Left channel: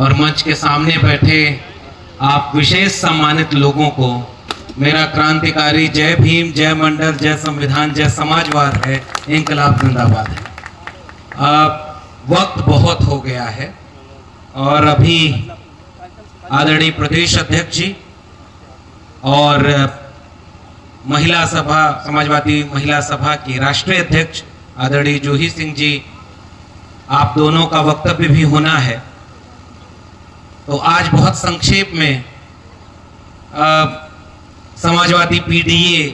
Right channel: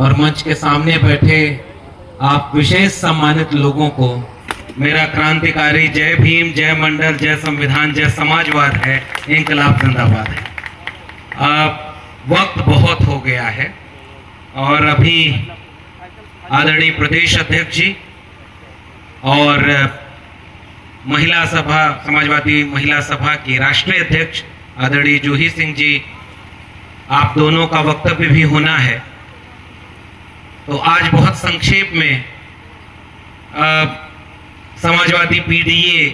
और मंच के सामने बैठे आप विशेष सम्मानित लोगों को मेरा क्रांतिकारी जय भीम, जय मंडल, जय संविधान, जय समाजवाद है, इंकलाब जिंदाबाद है। वक्त बहुत हो गया है और अभी आदरणीय प्रदेश अध्यक्ष जी और महिला सभा, समाजवादी महिला सभा की राष्ट्रीय अध्यक्ष आदरणीय जूही सिंह जी, आप दोनों का वक्तव्य भी होना है। तो आज बहुत संक्षेप में समाजवादी पीडीए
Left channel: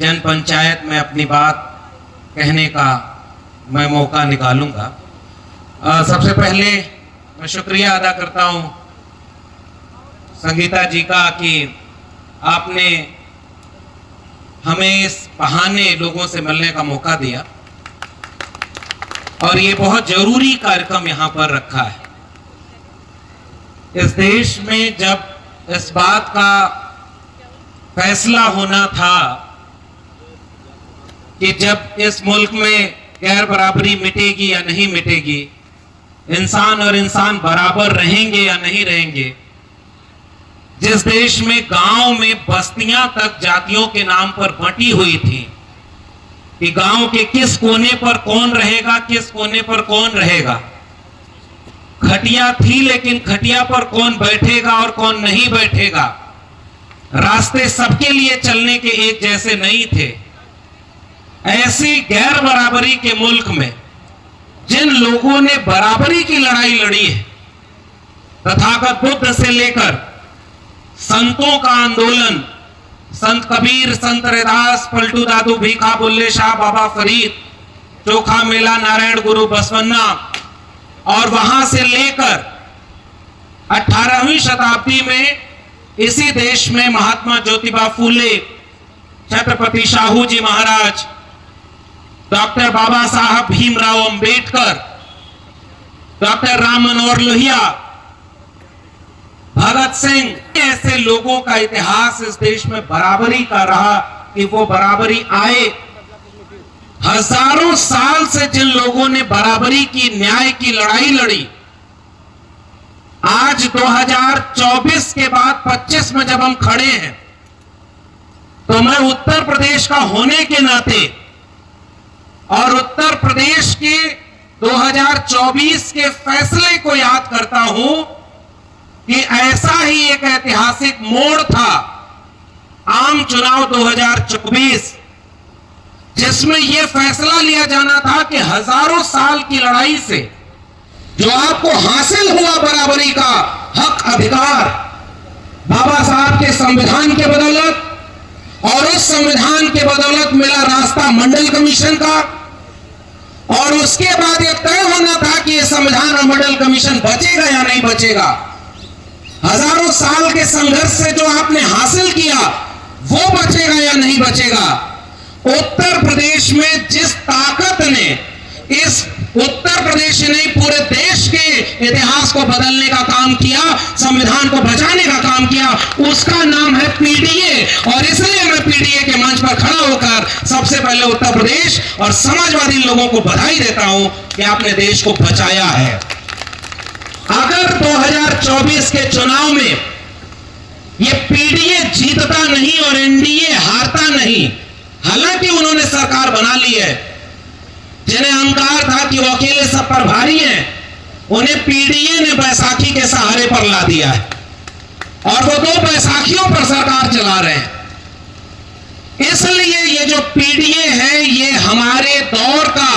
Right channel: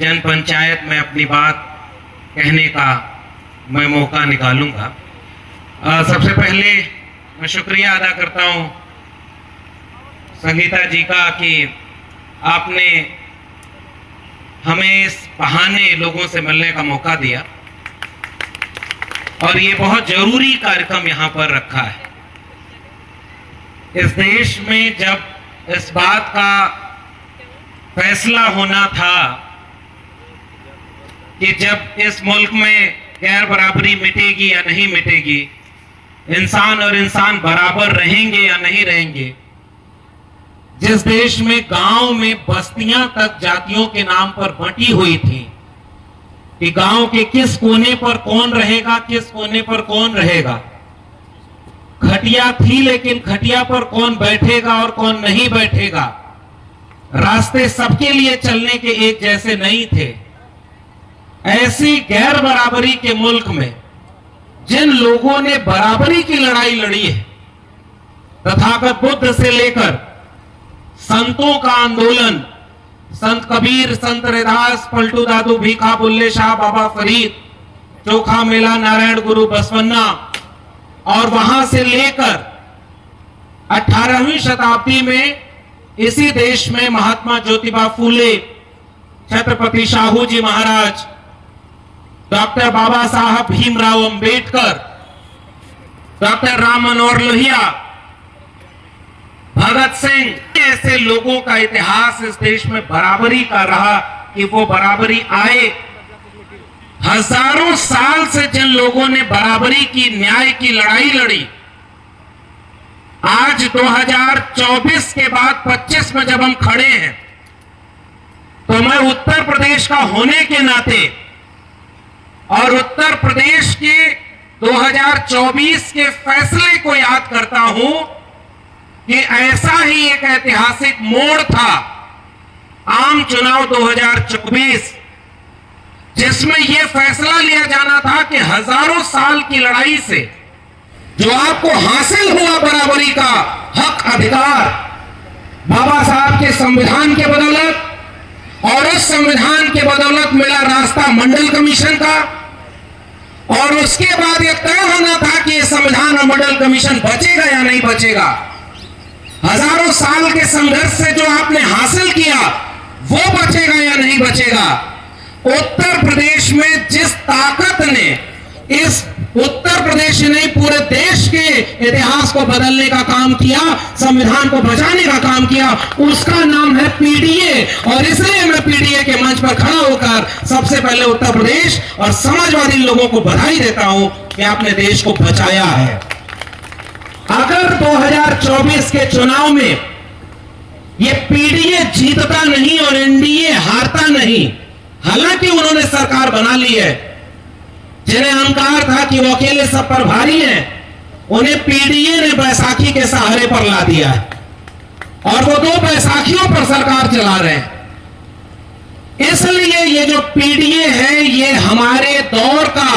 जन पंचायत में अपनी बात कहने का मैं मौका निकालूंगा। सबसे पहले मैं शुक्रिया अदा करता हूं संगीता जी का कि आपने हमें इस बहाने लोगों से मिलने का मौका दिया और ये बहुत जरूरी कार्यक्रम यहां पर रखा है। इस देश में जब इस बात का फैसला होना था कि जब इस मुल्क में गैर बराबरी मिटेगी या नहीं मिटेगी, इंसान और इंसान बराबर रहेंगे या नहीं रहेंगे, जिस देश में गांव में बस्तियां तक जातियों के नाम पर बंटी हुई थी कि गांव के किस कोने पर कौन रहेगा, किस कोने पर कौन रहेगा, खटिया थी लेकिन खटिया पर कौन बैठेगा और कौन नहीं बैठेगा, रास्ते सबके लिए चलने के एक जैसे नहीं थे। ऐसी गैर बराबरी के मुल्क में जिन लोगों ने बराबरी की लड़ाई लड़ी है, तथागत बुद्ध से लेकर संतों का आंदोलन, संत कबीर, संत रैदास, पलटू दादू, भीखा, बुल्ले शाह, बाबा फरीद, चोखा मेला, नारायण गुरु, बसवन्ना, और वहां से लेकर 18वीं शताब्दी में इसी देश में महात्मा ज्योतिबा फूले, छत्रपति शाहू जी महाराज, डॉक्टर बाबा साहब भीमराव अंबेडकर, डॉक्टर राम मनोहर लोहिया, भगत सिंह, ऐसे लोगों का इतिहास इस देश में बराबरी का रहा कि वो बराबरी आए। हजारों साल से जिन लोगों ने बराबरी की, न्याय की लड़ाई लड़ी, आज 2024 के बाद 25 में जब हम खड़े हैं तो मैं उत्तर प्रदेश का होने के नाते और उत्तर प्रदेश के 2024 के फैसले को याद करता हूं कि ऐसा ही एक ऐतिहासिक मोड़ था आम चुनाव 2024, जिसमें यह फैसला लिया जाना था कि हजारों साल की लड़ाई से जो आपको हासिल हुआ बराबरी का हक, अधिकार, बाबा साहब के संविधान के बदौलत और उस संविधान के बदौलत मिला रास्ता मंडल कमीशन का, और उसके बाद यह तय होना था कि यह संविधान और मंडल कमीशन बचेगा या नहीं बचेगा। हजारों साल के संघर्ष से जो आपने हासिल किया वो बचेगा या नहीं बचेगा। उत्तर प्रदेश में जिस ताकत ने इस उत्तर प्रदेश ने पूरे देश के इतिहास को बदलने का काम किया, संविधान को बचाने का काम किया, उसका नाम है पीडीए। और इसलिए मैं पीडीए के मंच पर खड़ा होकर सबसे पहले उत्तर प्रदेश और समाजवादी लोगों को बधाई देता हूं कि आपने देश को बचाया है। अगर 2024 के चुनाव में ये पीडीए जीतता नहीं और एनडीए हारता नहीं, हालांकि उन्होंने सरकार बना ली है, जिन्हें अहंकार था कि वो अकेले सब पर भारी हैं, उन्हें पीडीए ने बैसाखी के सहारे पर ला दिया है और वो 2 बैसाखियों पर सरकार चला रहे हैं। इसलिए ये जो पीडीए है ये हमारे दौर का,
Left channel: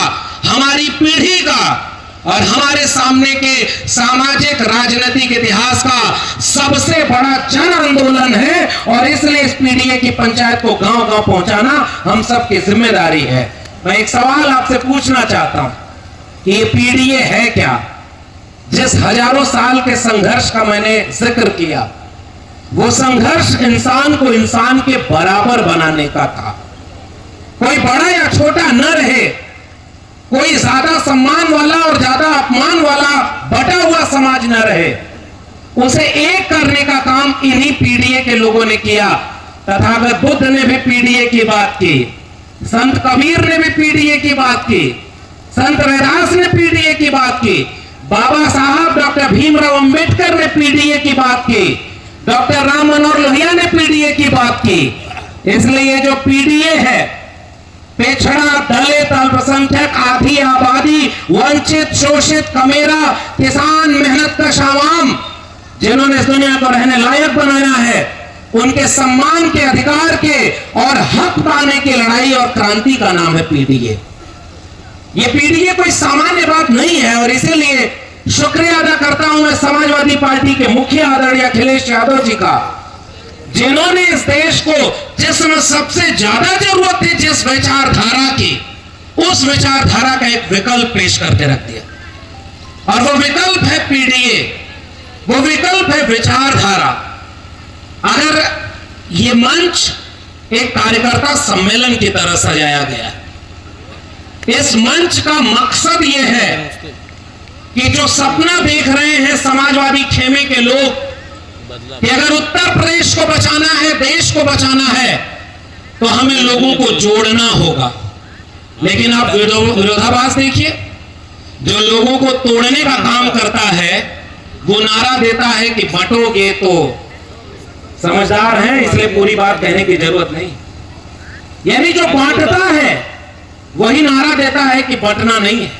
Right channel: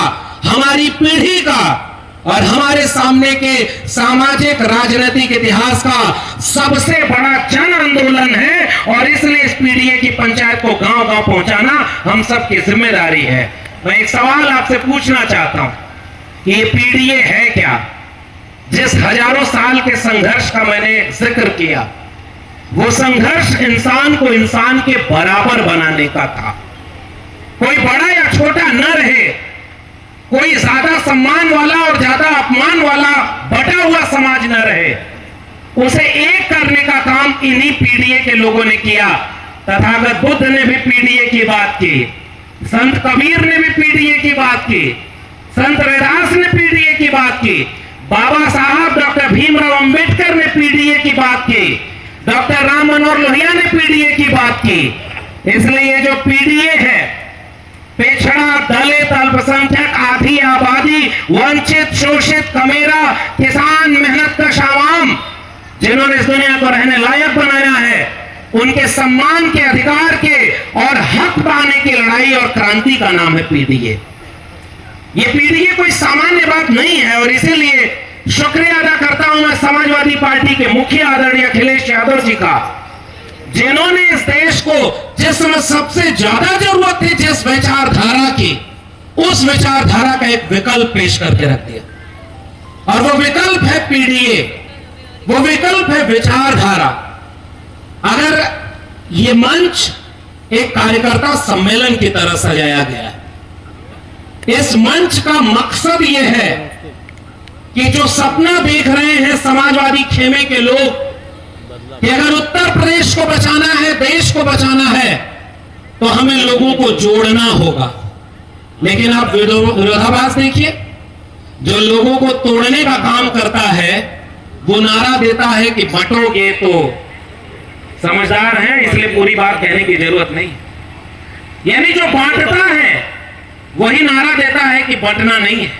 हमारी पीढ़ी का और हमारे सामने के सामाजिक राजनीतिक इतिहास का सबसे बड़ा जन आंदोलन है, और इसलिए इस पीडीए की पंचायत को गांव-गांव पहुंचाना हम सबकी जिम्मेदारी है। मैं एक सवाल आपसे पूछना चाहता हूं कि ये पीडीए है क्या? जिस हजारों साल के संघर्ष का मैंने जिक्र किया, वो संघर्ष इंसान को इंसान के बराबर बनाने का था। कोई बड़ा या छोटा न रहे, कोई ज्यादा सम्मान वाला और ज्यादा अपमान वाला बटा हुआ समाज न रहे, उसे एक करने का काम इन्हीं पीडीए के लोगों ने किया। तथागत बुद्ध ने भी पीडीए की बात की, संत कबीर ने भी पीडीए की बात की, संत रैदास ने पीडीए की बात की, बाबा साहब डॉक्टर भीमराव अंबेडकर पीडीए की बात की, डॉक्टर राम मनोहर लोहिया ने पीडीए की बात की। इसलिए जो पीडीए है, पिछड़ा, दलित, अल्पसंख्यक, आधी आबादी, वंचित, शोषित, कमेरा, किसान, मेहनत कश आवाम, जिन्होंने इस दुनिया को रहने लायक बनाया है, उनके सम्मान के, अधिकार के और हक पाने की लड़ाई और क्रांति का नाम है पीडीए। ये पीडीए कोई सामान्य बात नहीं है और इसीलिए शुक्रिया अदा करता हूं मैं समाजवादी पार्टी के मुखिया आदरणीय अखिलेश यादव जी का, जिन्होंने इस देश को जिसमें सबसे ज्यादा जरूरत थी जिस विचारधारा की, उस विचारधारा का एक विकल्प पेश करके रख दिया। और वो विकल्प है पीडीए, वो विकल्प है विचारधारा। अगर ये मंच एक कार्यकर्ता सम्मेलन की तरह सजाया गया है, इस मंच का मकसद यह है कि जो सपना देख रहे हैं समाजवादी खेमे के लोग कि अगर उत्तर प्रदेश को बचाना है, देश को बचाना है, तो हमें लोगों को जोड़ना होगा। लेकिन आप विरोधाभास देखिए, जो लोगों को तोड़ने का काम करता है वो नारा देता है कि बंटोगे तो, समझदार है इसलिए पूरी बात कहने की जरूरत नहीं। यानी जो बांटता है वही नारा देता है कि बंटना नहीं है।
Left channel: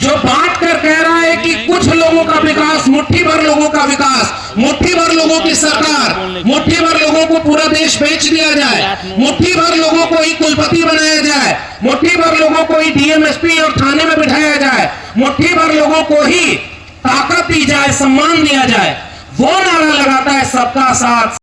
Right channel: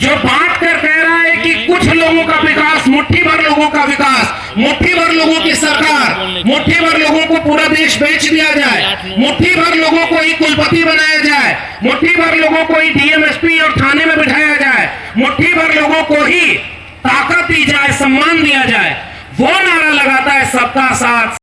जो बांट कर कह रहा है कि कुछ लोगों का विकास, मुट्ठी भर लोगों का विकास, मुट्ठी भर लोगों की सरकार, मुट्ठी भर लोगों को पूरा देश बेच दिया जाए, मुट्ठी भर लोगों को ही कुलपति बनाया जाए, मुट्ठी भर लोगों को ही डीएमएसपी और थाने में बिठाया जाए, मुट्ठी भर लोगों को ही ताकत दी जाए, सम्मान दिया जाए, वो नारा लगाता है सबका साथ